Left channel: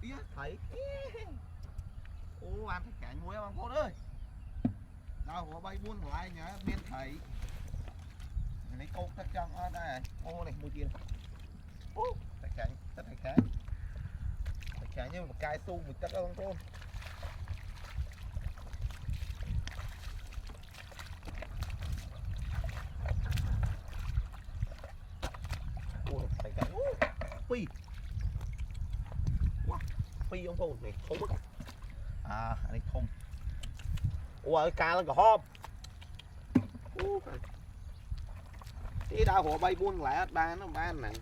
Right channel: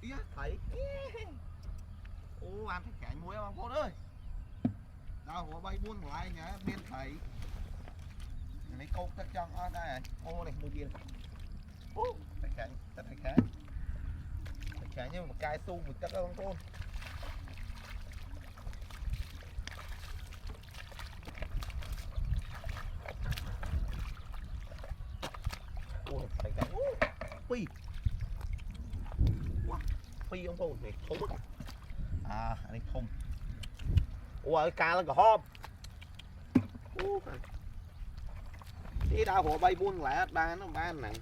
Ý thấy ô ăn thịt cảnh muối bằng cô ơi đâu có bay buôn lại nhá miên thấy lấy câu tất trong ở đây ô này mua tiền ô thịt cảnh tất thịt cảnh như một cái tu một tất không thôn ô thịt cảnh phi wow phi ông thôn này không mất à này không ủa cá nó có hôm đi đào hồ bay buôn lại ba nó ba nặng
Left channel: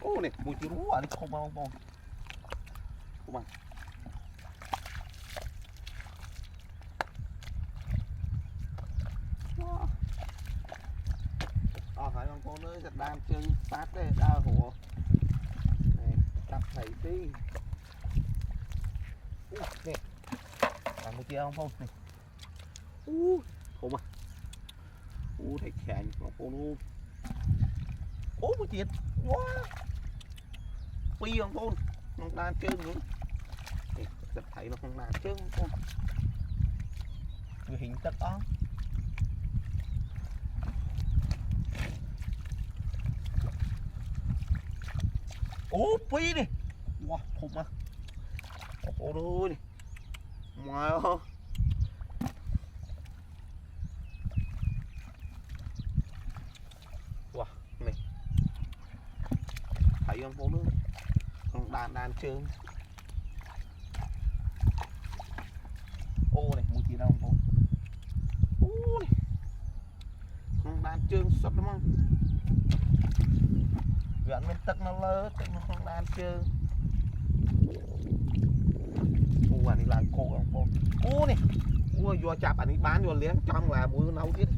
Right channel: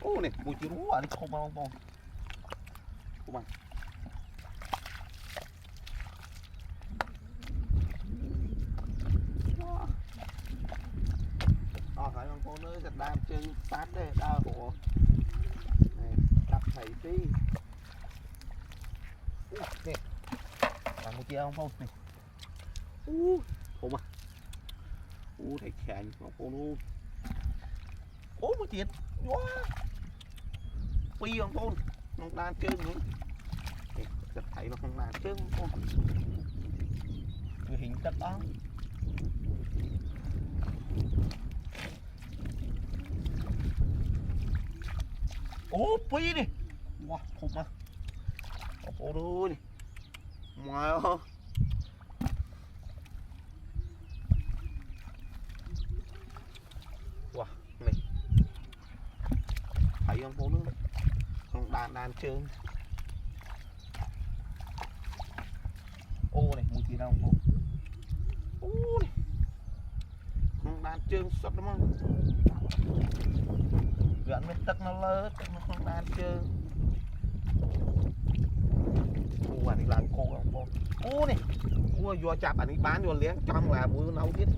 ô này mùi chữ rú à nó không bao không bằng phải con cô nữa giật đam chân sát đây đào hồ này cặp thầy tí nè làm một kia không này không à thầy khảnh con cô luôn một chuyện quá phi con cô nó đang chơi nữa giật thầy nó không làm chơi con người hình chất đó phi đi wow không à cô đôi đi ngoài không wow này thấy không cô nữa không đàn trơn ô này mùi gì đâu cô này không đàn trơn sọt lắm không gần bên tắc nó lơ tắc nó không đàn trơn anh đi làm cô không cô này vô chạp anh đi bán vô liếng trong là muối nấu biết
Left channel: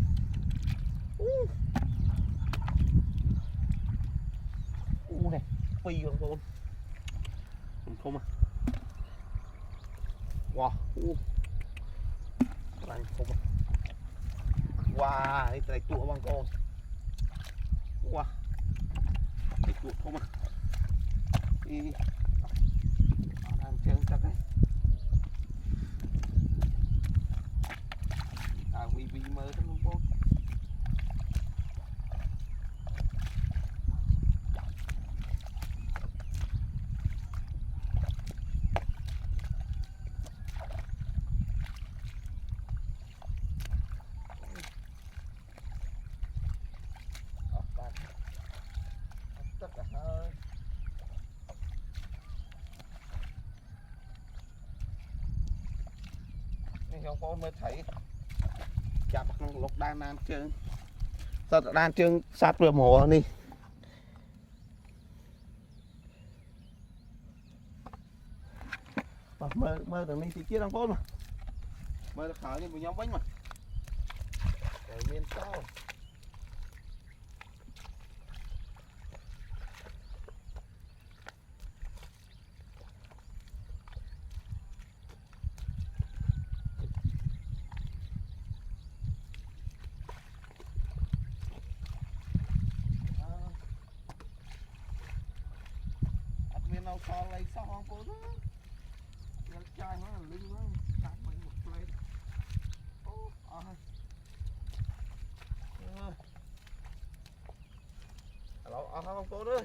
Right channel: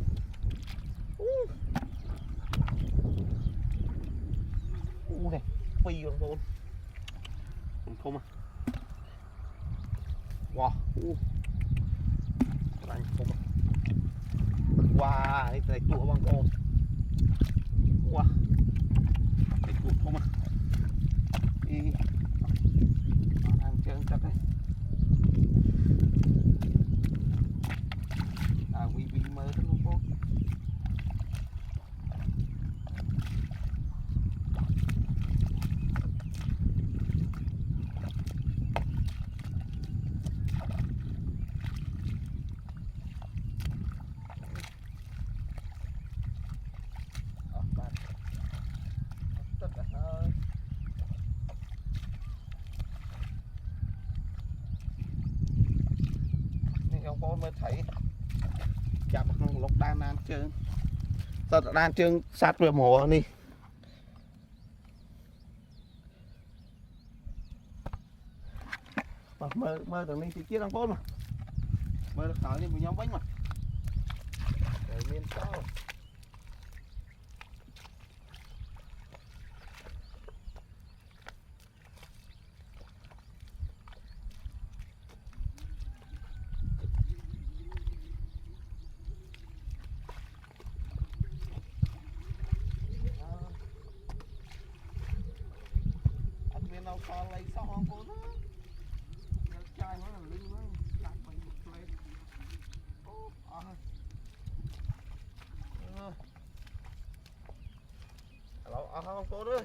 này phi con cô không à wow anh không à wow cái này tụa bằng con wow cái tụa không à đi ăn chơi chắc đấy vì mơ thôi không con tất cả hơi nên ông con mới thấy chạm lục đan trơn sao đan trơn sát vừa mổ đi mơ được đi thì kia đang phốt mà mơ được hỏi đi một nhóm bánh mà rồi miên sao đâu có lấy sao không có đó chai nó là linh nó đặt mình một plate alo không có đó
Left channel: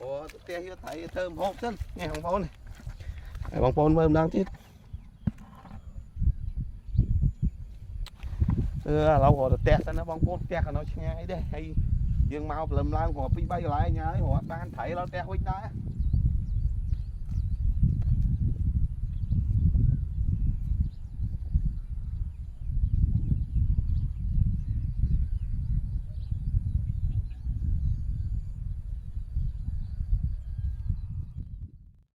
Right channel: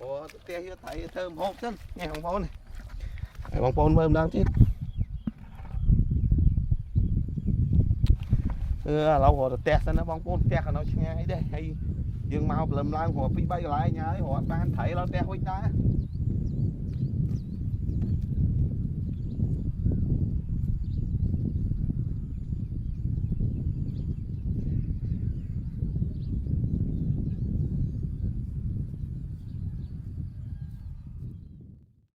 cô tia hier thấy thơm hộp chân nghe không có này bông phôn mơm đang chết lâu rồi tẹt nó bông phôn tẹt nó ngay đây hay dương mau lầm lang họ bị bay lại nhá họ ban thấy nó tẹt quýt đó